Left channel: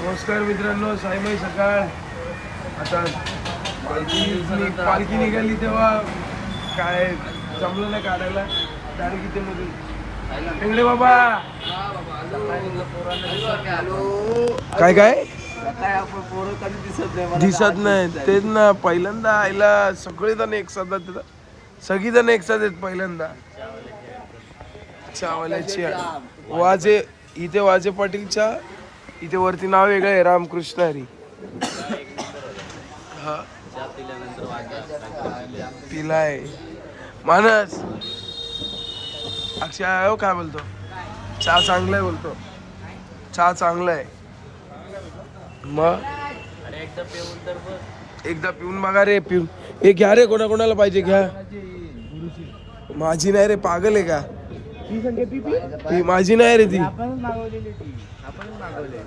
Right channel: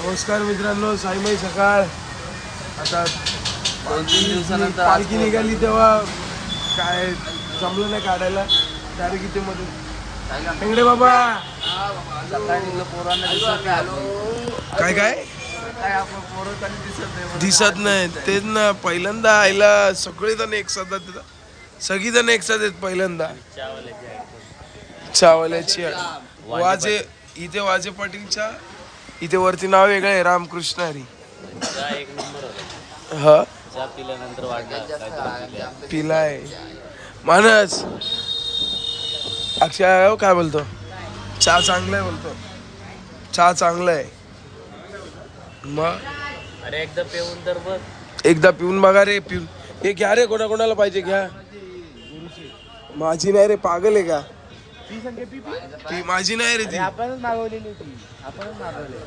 नमस्कार मित्रांनो, साईमाई सकाळ. आता पालखी निघाली तेव्हा काय जमलं नाही काढायला. डायरेक्ट इथे मध्ये हेंगडे बाबा काय काय दिसत नाही तेच ना. पहिल्यांदा आईला सगळेजण एक साथ येतात, सगळीजण एक साथ येत पहिल्यांदा. चावल्याची वाजे इथे वाजे पाटीलच्या इथे वरती नाव वेगळं आहे, रामकृष्ण हरी. हा पिलाय मानस. अक्षय काय बोलतो? चहा चांगला आहे बोलतो. चहा चांगला आहे. मग अरे एकदा पिऊन तर बघ. एकदा पिऊन बघा रे. पिऊन हे घ्या रे. कोणाकोणाला पाहिजे घ्या. माझी नाही रे, पागल आहे का? ती माझी नाही रे, ती आपणच मागवलेली ती. आपणच मागवले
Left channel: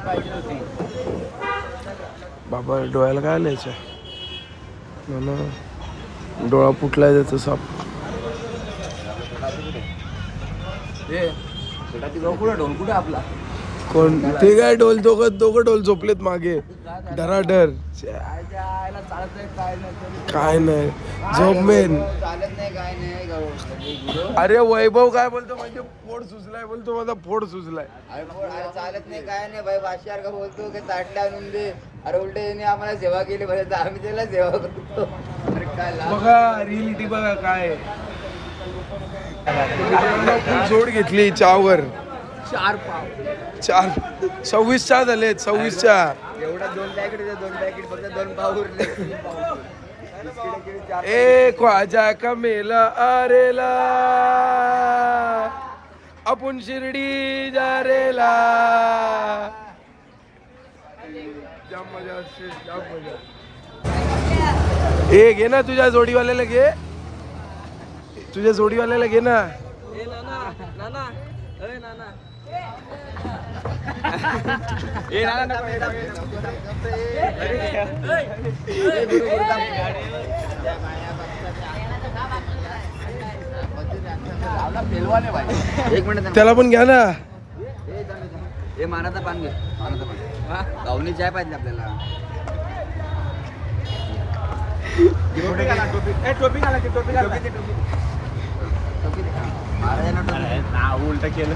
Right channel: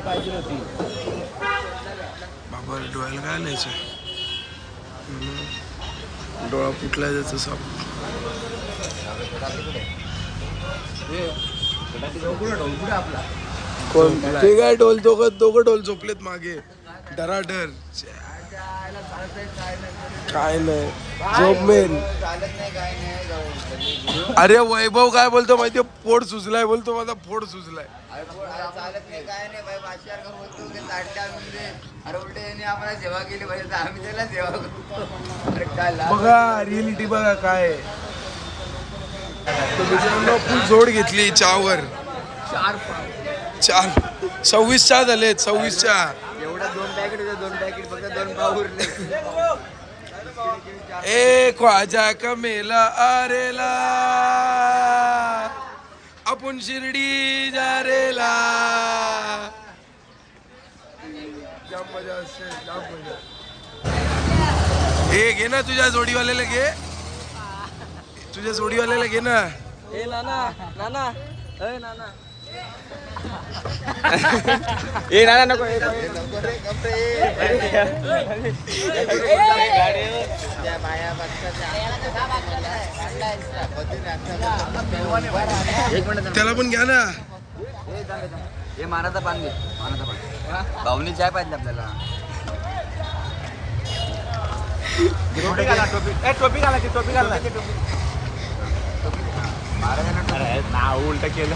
पाहिजे होती. बाबा डोळ्याला काय लिहायचं? डोळा फुटलाय त्याचा साप. ढोल आपला कोण ठीक आहे? ढोल दोघं ढोल झोपलेत मागे धराडर. काय नाही झोप मेन. अरे वैभव काय बोलतो माहितीये? पोट सुजलाय बोलतो, माझा पोट सुजलाय. अरे उलटे आम्हाला सेवा केली पाहिजे, आम्ही त्याला सेवा करतो. बघा रिअलिटी बघा काय. मित्रांनो फुल जोड घेतली चहावर. 26 चहा झाले. 26 चहा. एवढा 2 पॅकेट फक्त 2 पाव उरले. ए ख्वाजा का मेला आरेला, आपण शिर्डी जा रेला. जाम मजा असते, जाम मजा. ए घे ना तुझ्या जोडीवाल्याला घे. तुझ्या जोडीवाल्याला घे ना. त्याला पण घ्या ना. हे मानाचा पान घे. मानाचा पान भावनी चाय पाहिजे आपल्याला. उलट केलं.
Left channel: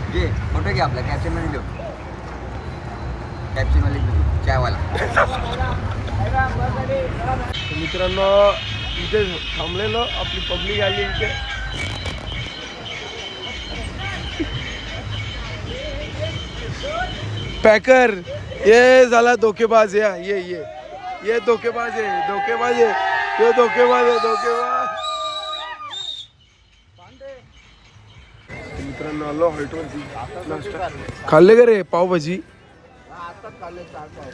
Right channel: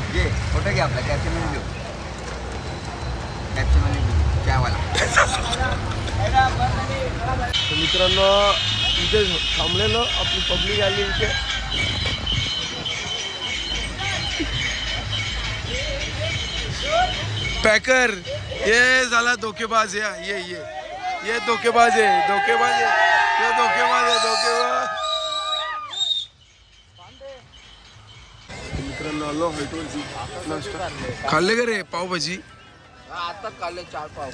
फोटो घे आपला. कॅप्चर मध्ये देऊ. कॅप्चर मध्ये चायवाला. मित्रांनो इथे थांबलेलो, आपली पब्लिक आली इथे. पॅकर ये झाला धोकेबाज. ये धोकेबाज आहे. धोकेबाज मित्रांनो आलो हॉल्टवरती. नाश्ता खाल्ले का रे? पावभाजी आता खाल्ले 4 पाव.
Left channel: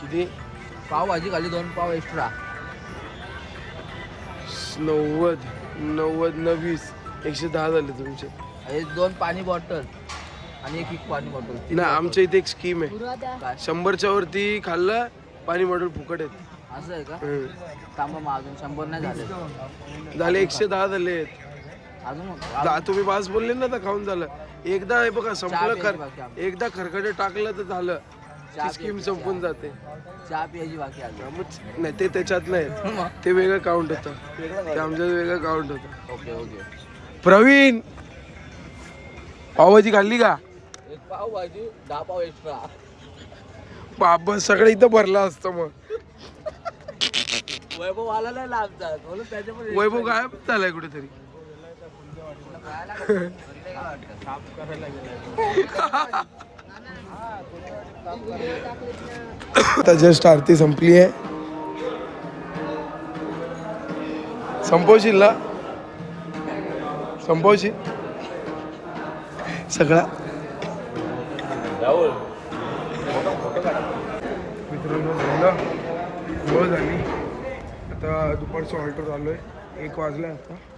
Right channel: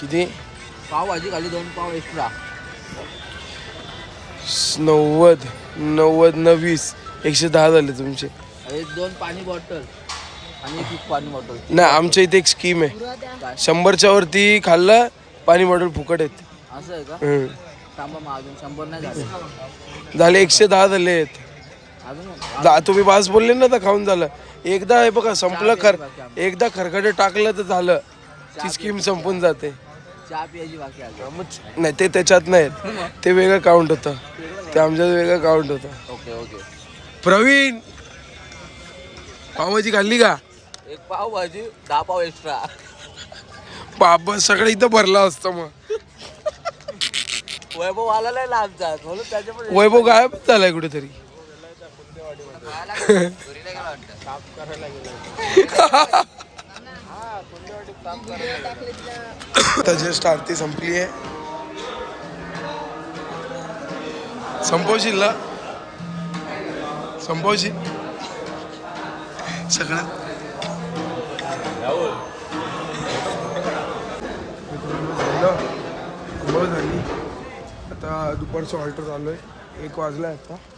किती? पावभाजी खाल्ली 2 पाव एक्स्ट्रा. 90 20 110 झाले तुमचे. 2 पाणी बॉटल आणि 1 पाणी बॉटल. नाही आमच्या इथे एक स्कीम आहे. 100च्या वरती खाल्लं पाणी बॉटल फुकट येते. असं आहे का? थांबा मग अजून 100 नाही झाले 110 झालेत. अजून तुम्ही बास बोलले ना तर खाऊन झालं. एकदा हे बघा संपलं. एकदा खरकटे टाकलं तर झालं. ती स्कीम संपून जाते. चहा प्यायची बाकी आहे. नाही ते त्याच्यात नाही, ते वेगळं काउंट होतं. ते आमच्यात वेगळं काउंट होतं. ओके. प्रवीण पावभाजी खाल्ली का? 1 पाव भाजी 10 पाव एक्स्ट्रा. बाबा सगळं इथं भरलं असतं. मग वैभव आला नाही लांबचा म्हणून त्याच्यामध्ये वैभव गायब झालाय कुठेतरी. आता जस्ट आरती संपली आहे. संपवशील ना? संपवशील सगळा. मित्रांनो झालं गोळ झाली. आता दुपारचं ऑल्टर चालू आहे. 1 वाजला आहे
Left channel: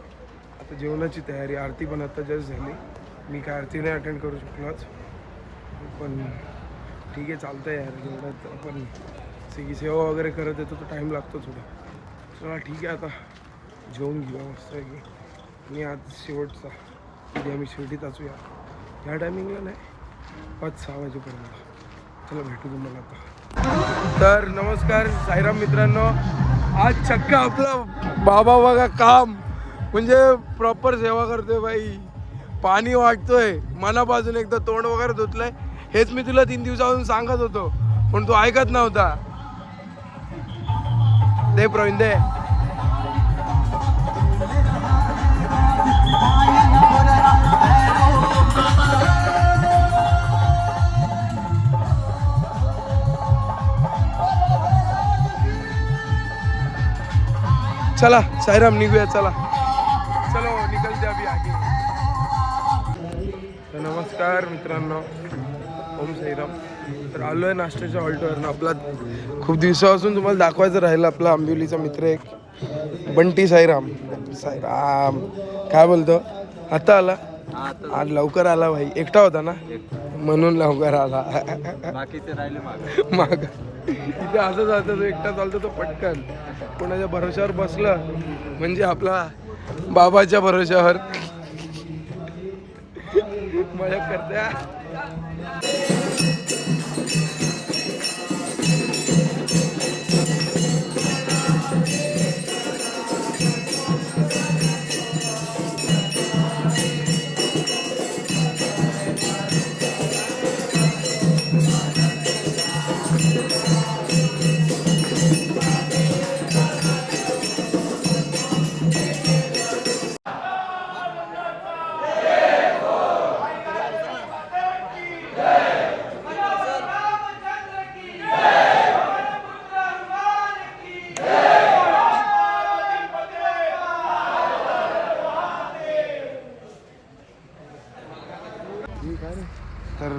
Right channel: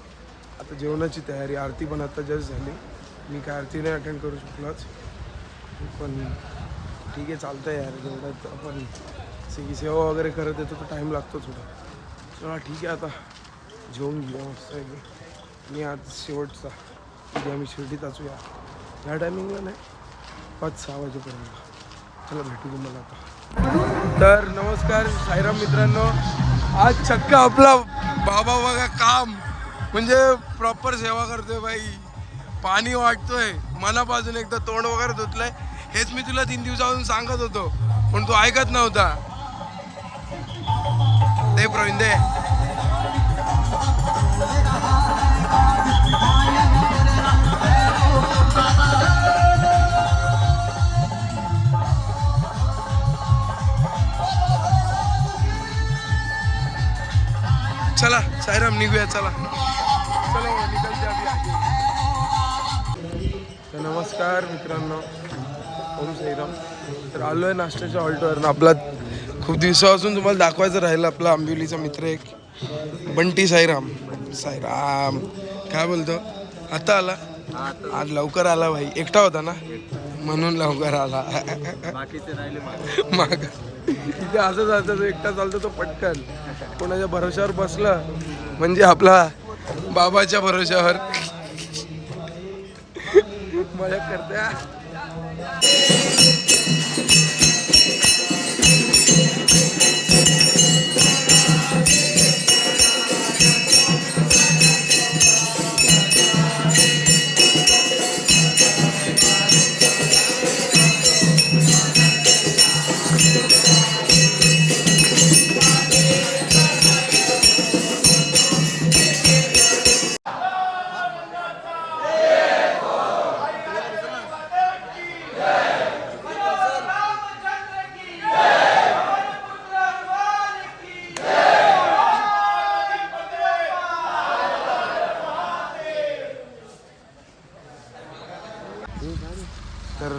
आता जेवणाची तयारी. आरती पण आता जस्ट झाली. मी काय आरती नाही अटेंड करू शकलोच, पण ठीक आहे चालतं यार. जेवढ्यात आपण सेवा वगैरे करत येतो तर टाईम लागतो थोडा. चला ठीक आहे, आता जेवून घेऊया मस्त आहे की. आणि आज शेवटचा उद्या आम्ही शिर्डीत असूया. ह्या टायमिंगला नाही, 5-6 वाजेपर्यंत. चला भेटू तुम्हाला आता. तर नमस्कार साईराम मित्रांनो, आज चक्क आपला बाबा बघा काम म्हणजे प्रॉपर सेवा करतोय बाई. पाणी वाटतोय मनापासून, एकदा तोंड वगैरे धुतलंय. हेच मी तुला 3 दिवसापासून सांगत होतो पण तू ऐकत नव्हता. दे प्रवीण दे. चला साईराम निघूया, चला चलो निकलते अभी आगे. तर नमस्कार मित्रांनो, ओम साईराम. तर आलो आहे नाश्त्याच्या हॉल्टवर. आपला खूप दिवसापासून तुम्हाला दाखवायचं राहिलं आपला आंबिवलीचा मित्र एक बंटी साईराम. साईराम काय बोलतो, आता आला. आज लवकर आला भाई, एकटा होता ना म्हणून लवकर आला. बाकीचे राहिले माग इथे असंच असतं, तो एकटा चालतो तो पटकन. कोणाच्या भरोश्यावर बसलं म्हणजे आपला बाबाच्या भरोश्यावर. मजा करते. तर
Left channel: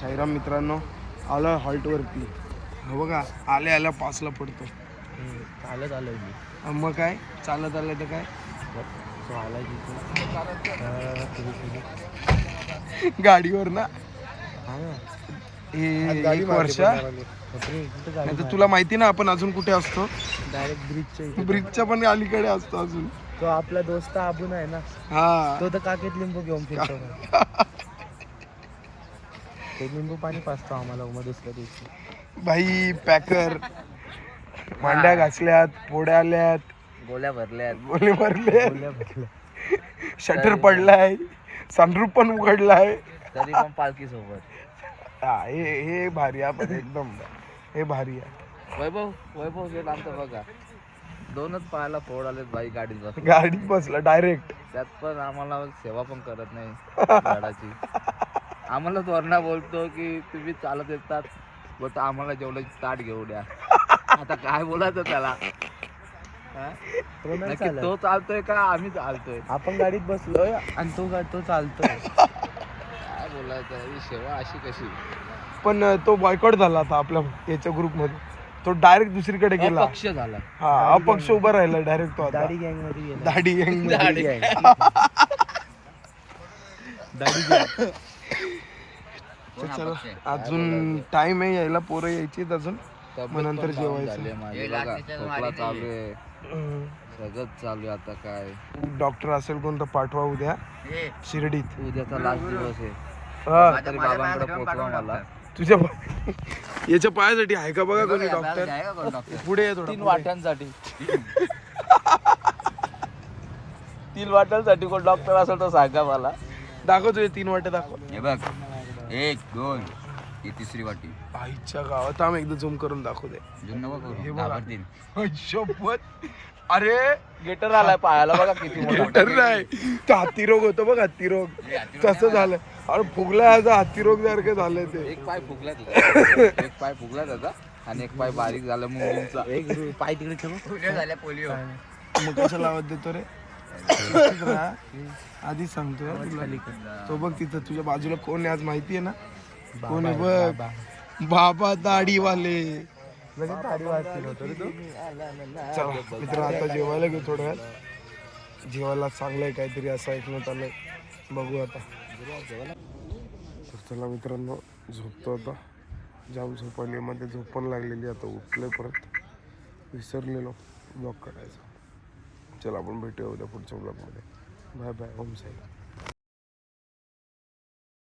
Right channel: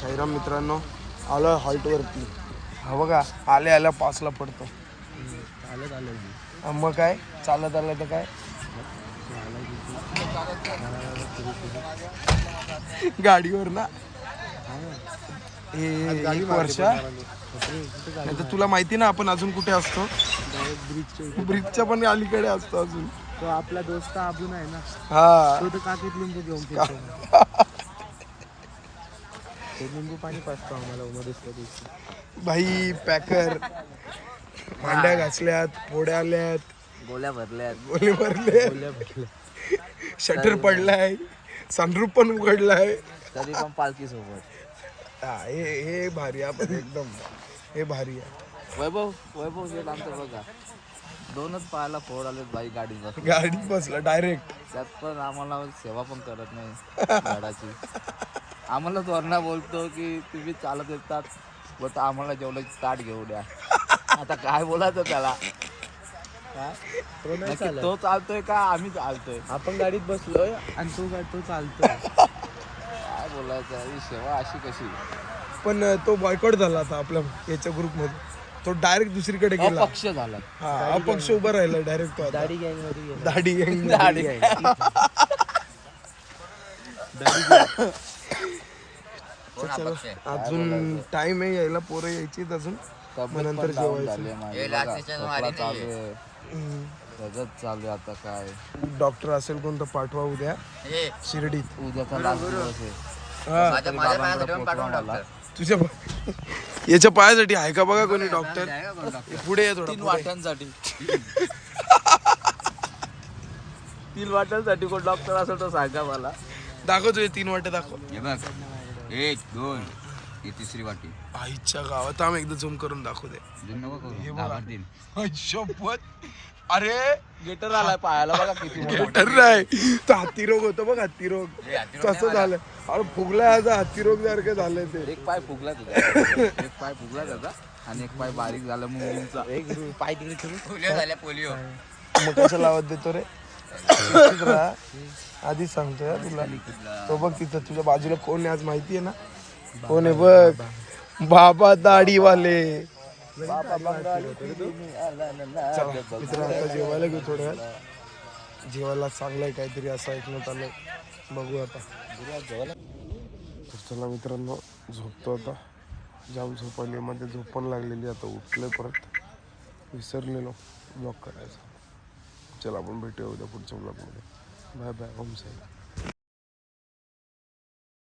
साईराम मित्रांनो, आलो हॉल्टवरती. हा बघा, आले आल्या 5ला पडतो. चालत आलोय मी. मग काय चालत आलं तर काय, तो आला गाडीवर ना. हे 1 वर्ष नाही तर तुला माहिती ना आपण अजून कुठे असतो. ब्रिजच्या पण अलीकडे असतो अजून. तो आपला दोस्त आबून आहे ना, हा तो तर काकेत लिंबू घेऊन फिरतो. ते लिंबू पाणी पाजतो आम्हाला मध्येच कधी. भाई पॅकर भांड्या घासल्यात, पोड्या आल्यात, गोल्या भरल्यात. गोले भरले, शटर पडलाय, सनरूफ पण उघडलाय. तरी पण पालखी सोबत. हा हे भारी आहे पण एकदम, हे भारी आहे. वैभव शेठ आमचं बघा, 2च पायाला फोड आलेत बाई गाडीत बस. गाडीत बसला डायरेक्ट. त्यात पण आम्हाला सेवा पण करत नाही झाडाची. आम्हाला वरना बोलतो की तुम्ही चालत येतात, बोलतो आम्हाला जेवढं ताट घेऊ द्या. आता काय बोलायचं त्याला. नक्की तो चालतोय का आम्ही चालतोय. आपण गाडीत बसलोय आणि तो चालतोय. काय बोलायचं, ही सेवा अशी कशी. पण तो बॉयकॉट झाला आता आपल्या याच्या ग्रुपमध्ये. तो डायरेक्ट दुसरीकडे गेला. अपक्ष झालाय. हा अपक्ष उभा राहिला डायरेक्ट तो आता. दाढी गँग मध्ये गेला. दाढी गँग दाढी गँग. चला अजून टाइम आहे यायला, पोरं यायचीत अजून. मग नंतर जेवायचं. झाली माझी बघा, खोकला चालू आहे, सगळं चालू आहे. आता काय डॉक्टर असेल कोण तर पाठवा उद्या शिर्डीत. उद्याचा लास्ट दिवस आहे. हा तरी बाबांकडे पोचवा मला. तुझ्या याच्या पायासाठी आहे का बघा कोणी डॉक्टर. पुढे ये थोडा, 3 पुढे. वाट्यांसाठी. 3 वाट्यांसाठी कोण डॉक्टर असेल तर सांगा मला. दाखव तुझे 3 वाटे दाखव. हे बघ, 1 2 ही 3री वाटी. आईच्या गावात आम एकदा झूम करून दाखव दे. करू शपथ. अरे गेटर आलाय पायाला बघा किती. गेटर नाही, तो हत्ती रोग होतो बघ, हत्ती रोग तसं झालं. अरे फुगला याचा हत्ती रोग सारखं झालंय ते. एक पाय फुगला तुझा, एक पाय फुगला त्याचा आणि एक पाय बारीक झाला मुंगींचा. एक पाय तिकडे ठेव. पोलिओ. मग कशा लावत देतो रे. आधीच सांगतोय हा तुला. तो बघ तिथं तुझ्या बाजूला कोण आहे आज माहिती आहे ना. कोण आहे बघ, बाबा दाढीवाले. चला मित्र आता जेवायला घेऊ थोड्या वेळात. जेवायला चांगलं आहे काहीतरी असं ऐकण्यात आलंय, बघू आता. तर चला मित्रांनो, झोपतो आता. जाम झोप आली, मध्ये झोप पण लागलेली. आता उठलोय, परत विसरलेलो ब्लॉग करायचा. चला आपण भेटूया उद्या पुढच्या ब्लॉगमध्ये. Bye bye. ओम साईराम.